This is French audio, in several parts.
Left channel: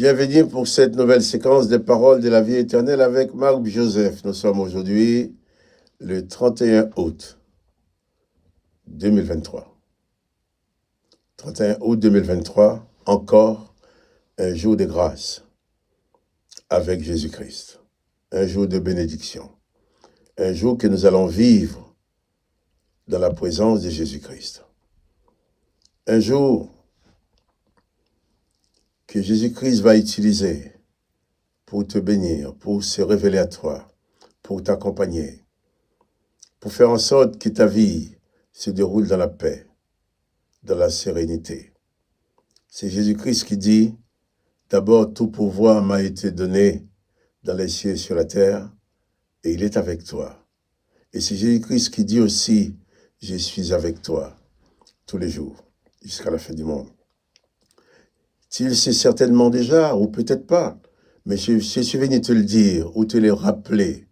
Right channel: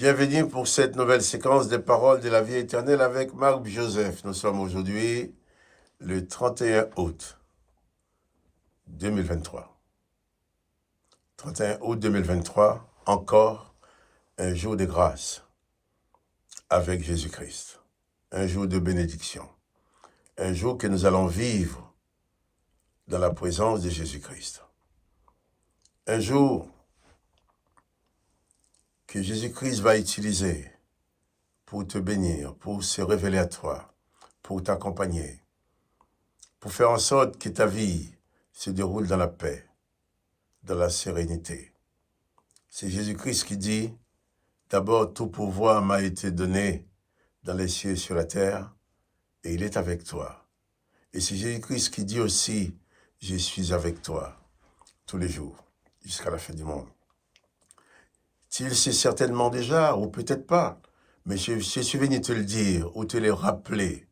Bienvenue pour cette nouvelle séquence des paroles de la vie éternelle avec Marc Joseph. Nous sommes aujourd'hui le 31 août 2023. 31 août 2023, encore un jour de grâce avec Jésus-Christ. Un jour de bénédiction. Un jour que nous allons vivre dans la présence de Jésus-Christ. Un jour que Jésus-Christ va utiliser pour te bénir, pour se révéler à toi, pour t'accompagner, pour faire en sorte que ta vie se déroule dans la paix, dans la sérénité. C'est Jésus-Christ qui dit, d'abord tout pouvoir m'a été donné dans les cieux et sur la terre, et il est avec toi. Et c'est Jésus-Christ qui dit aussi, je suis avec toi tous les jours, jusqu'à la fin du monde. Tu le sais certainement déjà, ou peut-être pas, mais je suis venu te le dire, ou te le rappeler,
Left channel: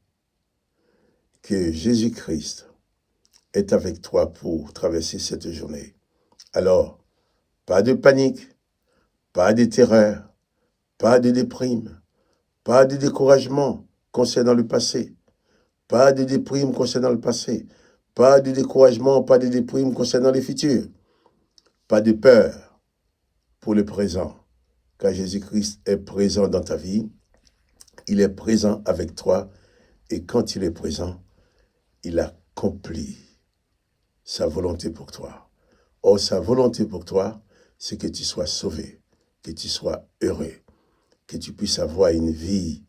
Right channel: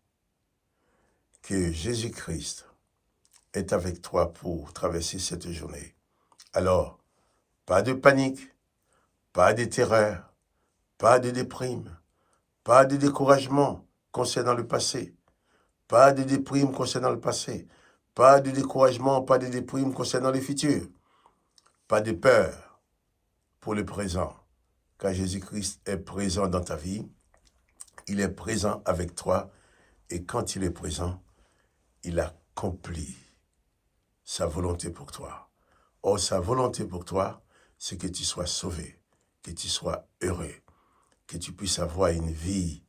que Jésus-Christ est avec toi pour traverser cette journée. Alors, pas de panique, pas de terreur, pas de déprime, pas de découragement concernant le passé, pas de déprime concernant le passé, pas de découragement, pas de déprime concernant le futur, pas de peur pour le présent, car Jésus-Christ est présent dans ta vie, il est présent avec toi, et quand il est présent, il accomplit sa volonté pour toi. Or, sa volonté pour toi, c'est que tu sois sauvé, que tu sois heureux, que tu puisses avoir une vie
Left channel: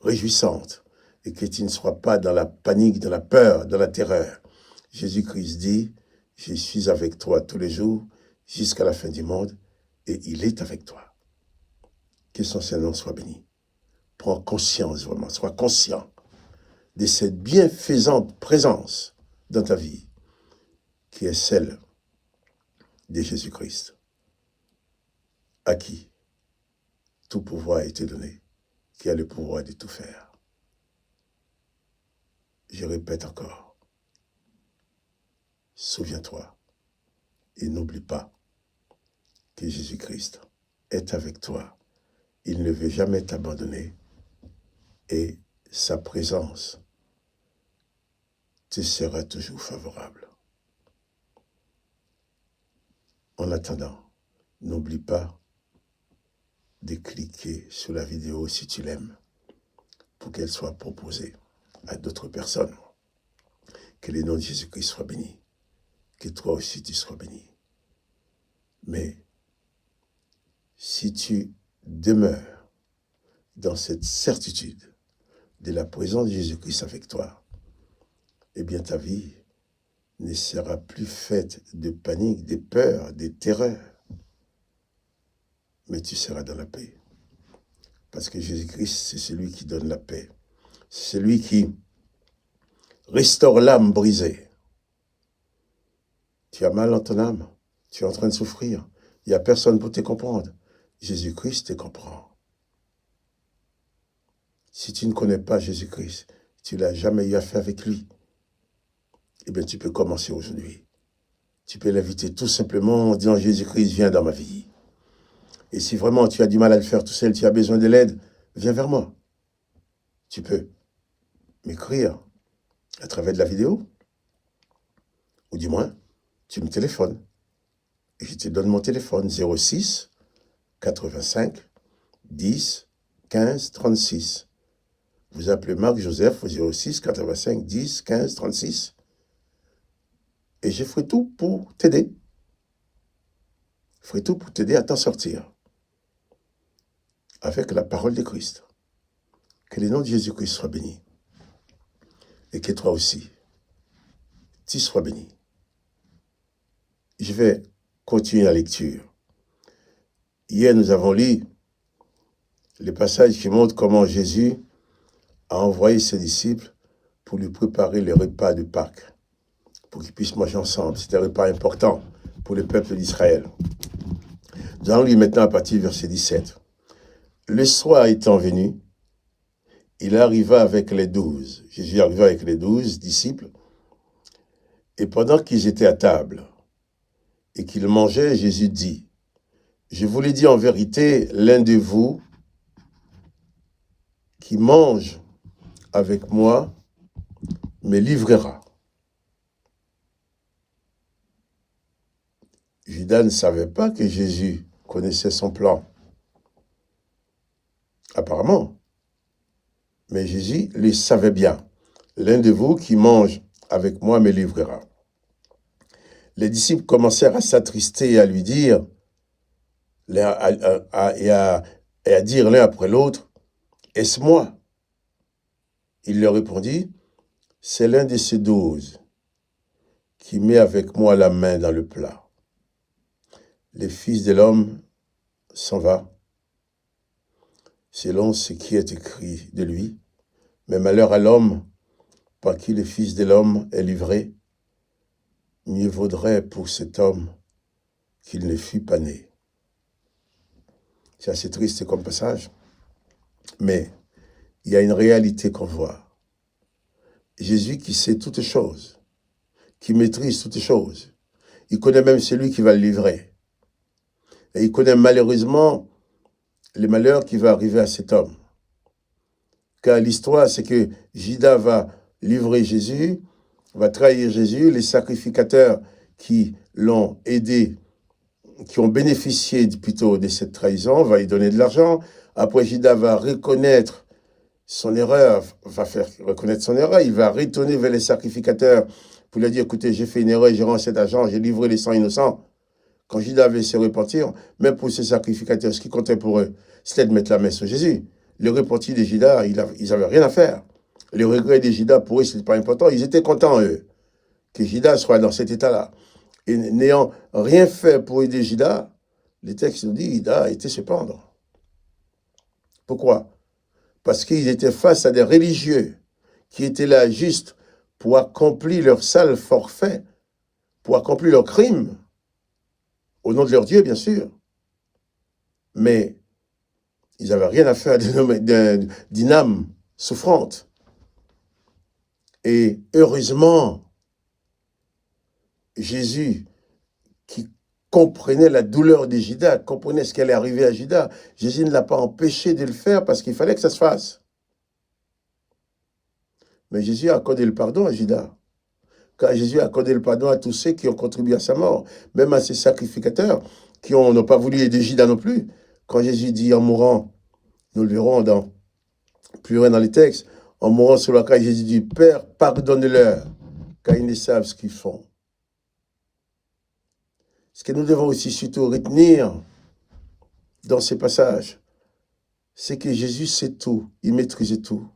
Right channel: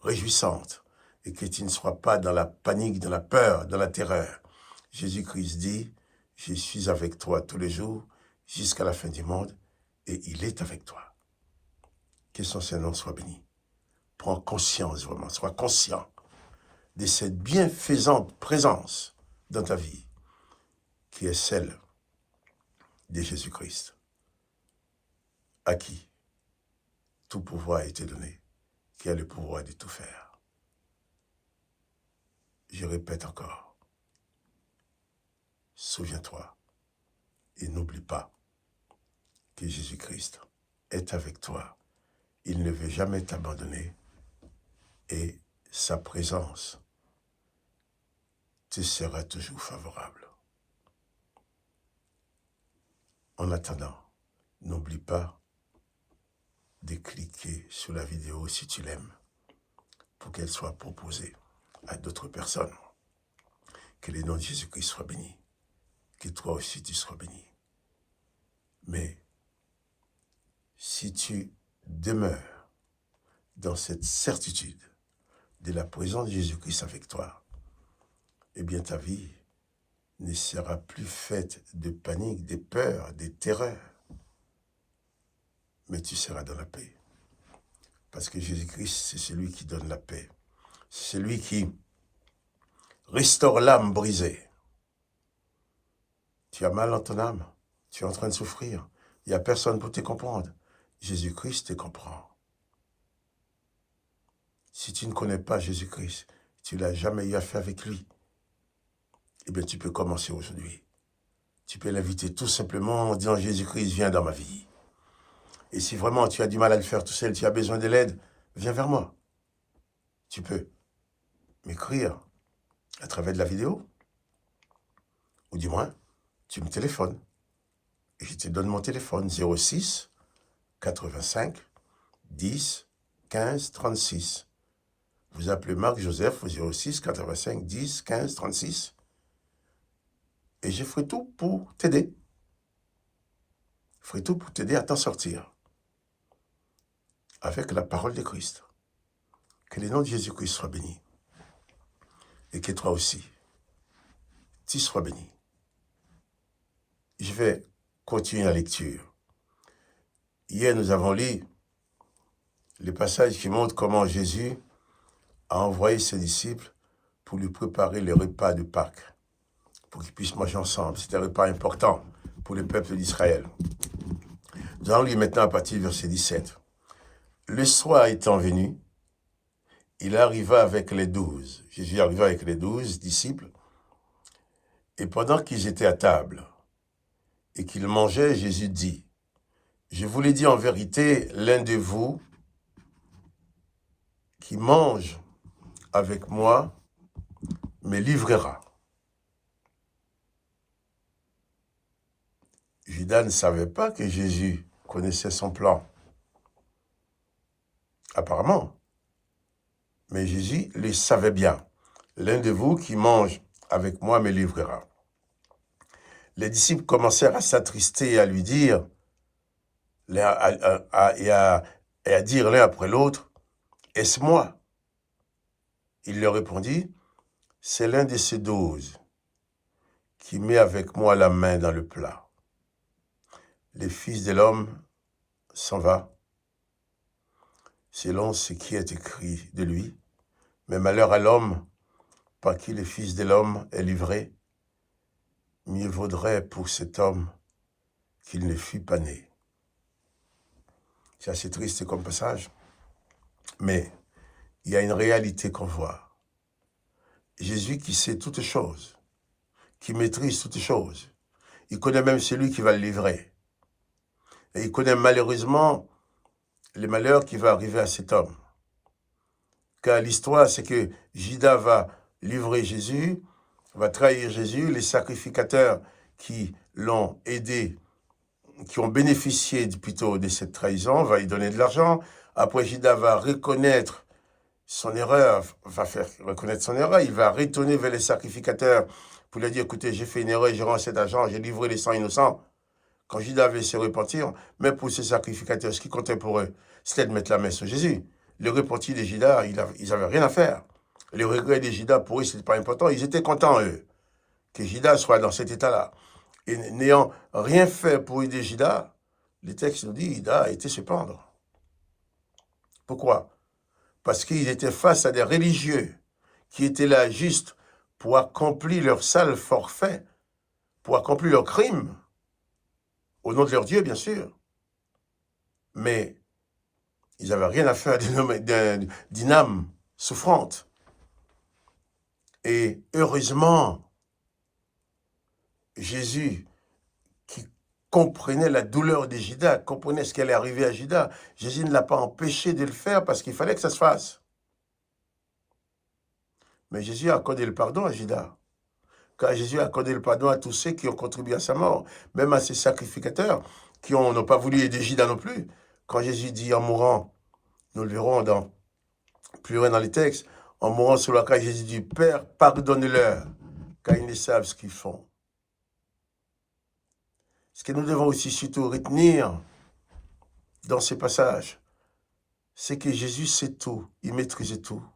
réjouissante et que tu ne sois pas dans la panique, dans la peur, dans la terreur. Jésus-Christ dit, je suis avec toi tous les jours jusqu'à la fin du monde et il est avec toi. Que son Saint-Nom soit béni. Prends conscience vraiment, sois conscient de cette bienfaisante présence dans ta vie qui est celle de Jésus-Christ, à qui tout pouvoir a été donné, qui a le pouvoir de tout faire. Je répète encore, souviens-toi et n'oublie pas que Jésus-Christ est avec toi. Il ne veut jamais t'abandonner et sa présence te sera toujours favorable. En attendant, n'oublie pas de cliquer sur la vidéo si tu l'aimes pour qu'elle soit proposée à d'autres personnes. Que le nom de Jésus-Christ soit béni. Que toi aussi tu sois béni. Mais si tu demeures dans cette certitude de la présence de Jésus-Christ avec toi, eh bien ta vie ne sera plus faite de panique, de peur, de terreur, mais tu seras dans la paix. Parce que Jésus-Christ, c'est celui qui donne la paix. C'est celui qui restaure l'âme brisée. Tu as mal dans ton âme, tu es en train de souffrir, il n'y a personne pour te comprendre. Jésus-Christ te comprend. Si tu ne connais pas Jésus-Christ, tu n'as jamais eu affaire avec lui, eh bien tu peux commencer aujourd'hui. Tu peux l'inviter tout simplement en disant « Jésus-Christ, viens dans ma vie ». Et si vraiment tu as du mal à le faire tout seul, tu as besoin de l'aide, viens vers moi. Tu peux m'écrire à travers de la vidéo, ou du moins, tu me téléphones. Et je te donne mon téléphone 06 85 10 15 36. Vous appelez Marc Joseph au 06 85 10 15 36. Et je ferai tout pour t'aider. Je ferai tout pour t'aider à t'en sortir. Avec la parole de Christ. Que le nom de Jésus-Christ soit béni. Et que toi aussi, tu sois béni. Je vais continuer la lecture. Hier, nous avons lu le passage qui montre comment Jésus a envoyé ses disciples pour lui préparer le repas de Pâques, pour qu'ils puissent manger ensemble. C'est un repas important pour le peuple d'Israël. Nous allons lire maintenant à partir du verset 17. Le soir étant venu, il arriva avec les 12. Jésus arriva avec les 12 disciples. Et pendant qu'ils étaient à table et qu'ils mangeaient, Jésus dit, « Je vous l'ai dit en vérité, l'un de vous qui mange avec moi me livrera. Judas ne savait pas que Jésus connaissait son plan. Apparemment. Mais Jésus le savait bien. L'un de vous qui mange avec moi me livrera. Les disciples commencèrent à s'attrister et à lui dire, et à dire l'un après l'autre, est-ce moi? Il leur répondit, c'est l'un de ces 12 qui met avec moi la main dans le plat. Le Fils de l'homme s'en va, selon ce qui est écrit de lui, mais malheur à l'homme par qui le Fils de l'homme est livré, mieux vaudrait pour cet homme qu'il ne fût pas né. C'est assez triste comme passage, mais il y a une réalité qu'on voit. Jésus qui sait toutes choses, qui maîtrise toutes choses, il connaît même celui qui va le livrer. Et il connaît malheureusement le malheur qui va arriver à cet homme. Car l'histoire, c'est que Judas va livrer Jésus, va trahir Jésus, les sacrificateurs qui l'ont aidé, qui ont bénéficié plutôt de cette trahison, va lui donner de l'argent. Après, Judas va reconnaître son erreur, va faire reconnaître son erreur, il va retourner vers les sacrificateurs pour leur dire, écoutez, j'ai fait une erreur, j'ai rendu cet argent, j'ai livré les sangs innocents. Quand Judas avait se repentir, même pour ces sacrificateurs, ce qui comptait pour eux, c'était de mettre la main sur Jésus. Le repentir de Judas, ils n'avaient rien à faire. Le regret de Judas, pour eux, ce n'était pas important. Ils étaient contents, eux, que Judas soit dans cet état-là. Et n'ayant rien fait pour aider Judas, le texte nous dit, Judas a été se pendre. Pourquoi? Parce qu'ils étaient face à des religieux qui étaient là juste pour accomplir leur sale forfait, pour accomplir leur crime, au nom de leur Dieu, bien sûr. Mais ils n'avaient rien à faire d'une âme souffrante. Et heureusement, Jésus, qui comprenait la douleur de Judas, comprenait ce qui allait arriver à Judas, Jésus ne l'a pas empêché de le faire parce qu'il fallait que ça se fasse. Mais Jésus a accordé le pardon à Judas. Car Jésus a accordé le pardon à tous ceux qui ont contribué à sa mort, même à ses sacrificateurs qui n'ont pas voulu aider Judas non plus. Quand Jésus dit en mourant, nous le verrons plus loin dans les textes, en mourant sur la croix, Jésus dit, Père, pardonne-leur, car ils ne savent ce qu'ils font. Ce que nous devons aussi surtout retenir dans ces passages, c'est que Jésus sait tout, il maîtrise tout.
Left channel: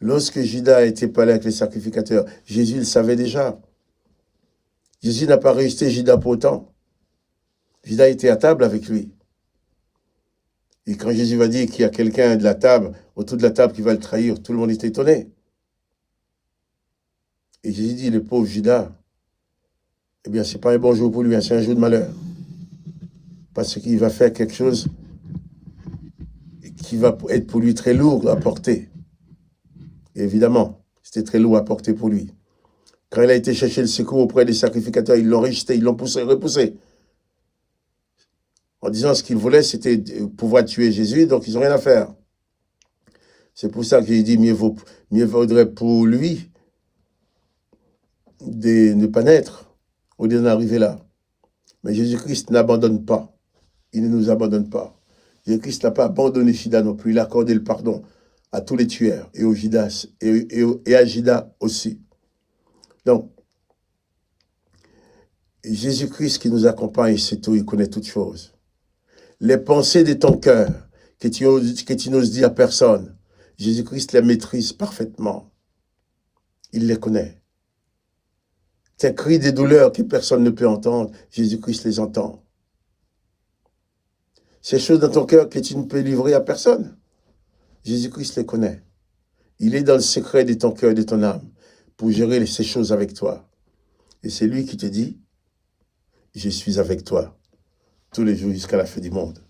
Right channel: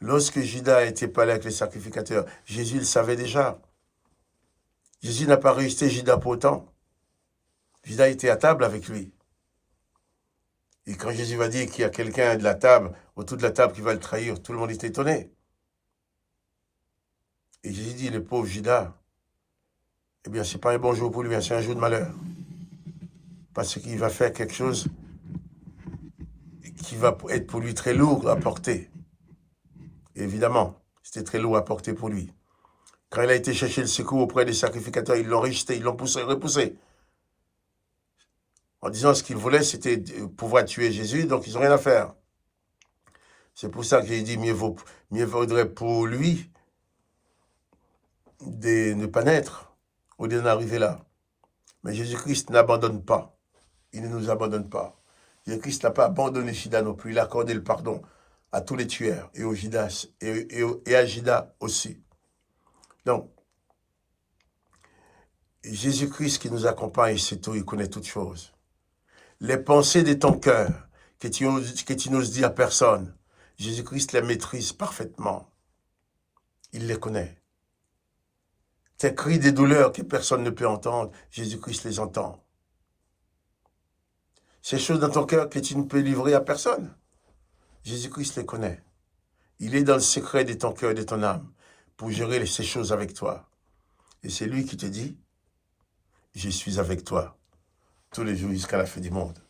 Lorsque Judas était parlé avec les sacrificateurs, Jésus le savait déjà. Jésus n'a pas resté Judas pour autant. Judas était à table avec lui. Et quand Jésus va dire qu'il y a quelqu'un de la table, autour de la table qui va le trahir, tout le monde était étonné. Et Jésus dit, le pauvre Judas, eh bien, c'est pas un bon jour pour lui, c'est un jour de malheur. Parce qu'il va faire quelque chose qui va être pour lui très lourd à porter. Et évidemment, c'était très lourd à porter pour lui. Quand il a été chercher le secours auprès des sacrificateurs, ils l'ont rejeté, ils l'ont repoussé. En disant ce qu'ils voulaient, c'était pouvoir tuer Jésus, donc ils n'ont rien à faire. C'est pour ça qu'il dit, mieux vaudrait pour lui de ne pas naître, au lieu d'en arriver là. Mais Jésus-Christ n'abandonne pas. Il ne nous abandonne pas. Jésus-Christ n'a pas abandonné Judas non plus. Il a accordé le pardon à tous les tueurs et aux Judas, et à Judas aussi. Donc, Jésus-Christ qui nous accompagne, c'est tout, il connaît toutes choses. Les pensées de ton cœur, que tu n'oses dire à personne, Jésus-Christ les maîtrise parfaitement. Il les connaît. Tes cris de douleur que personne ne peut entendre, Jésus-Christ les entend. Ces choses dans ton cœur que tu ne peux livrer à personne, Jésus-Christ les connaît. Il est dans le secret de ton cœur et de ton âme pour gérer ces choses avec toi. Et c'est lui qui te dit, je suis avec toi tous les jours jusqu'à la fin du monde.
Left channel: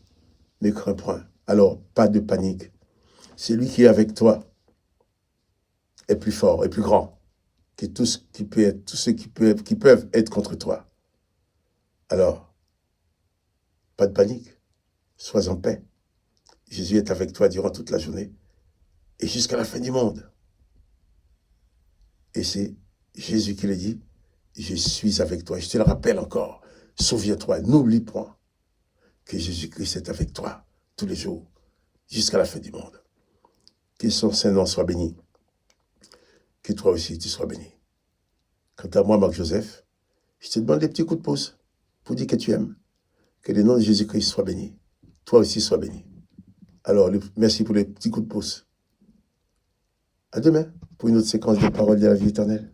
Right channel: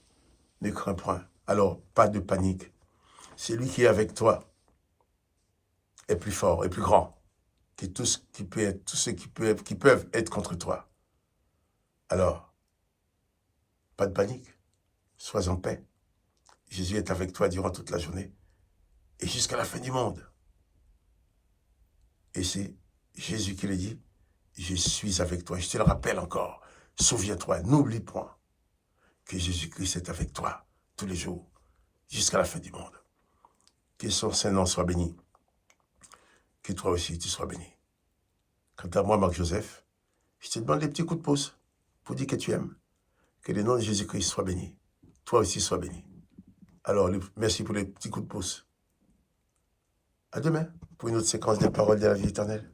Ne crains point. Alors, pas de panique. C'est lui qui est avec toi est plus fort, est plus grand que tous ceux qui peuvent être contre toi. Alors, pas de panique. Sois en paix. Jésus est avec toi durant toute la journée et jusqu'à la fin du monde. Et c'est Jésus qui le dit, je suis avec toi. Je te le rappelle encore, souviens-toi, n'oublie point que Jésus-Christ est avec toi tous les jours, jusqu'à la fin du monde. Que son Saint-Nom soit béni, que toi aussi tu sois béni. Quant à moi, Marc-Joseph, je te demande des petits coups de pouce pour dire que tu aimes. Que le nom de Jésus-Christ soit béni. Toi aussi sois béni. Alors, merci pour les petits coups de pouce. À demain pour une autre séquence de paroles de la vie éternelle.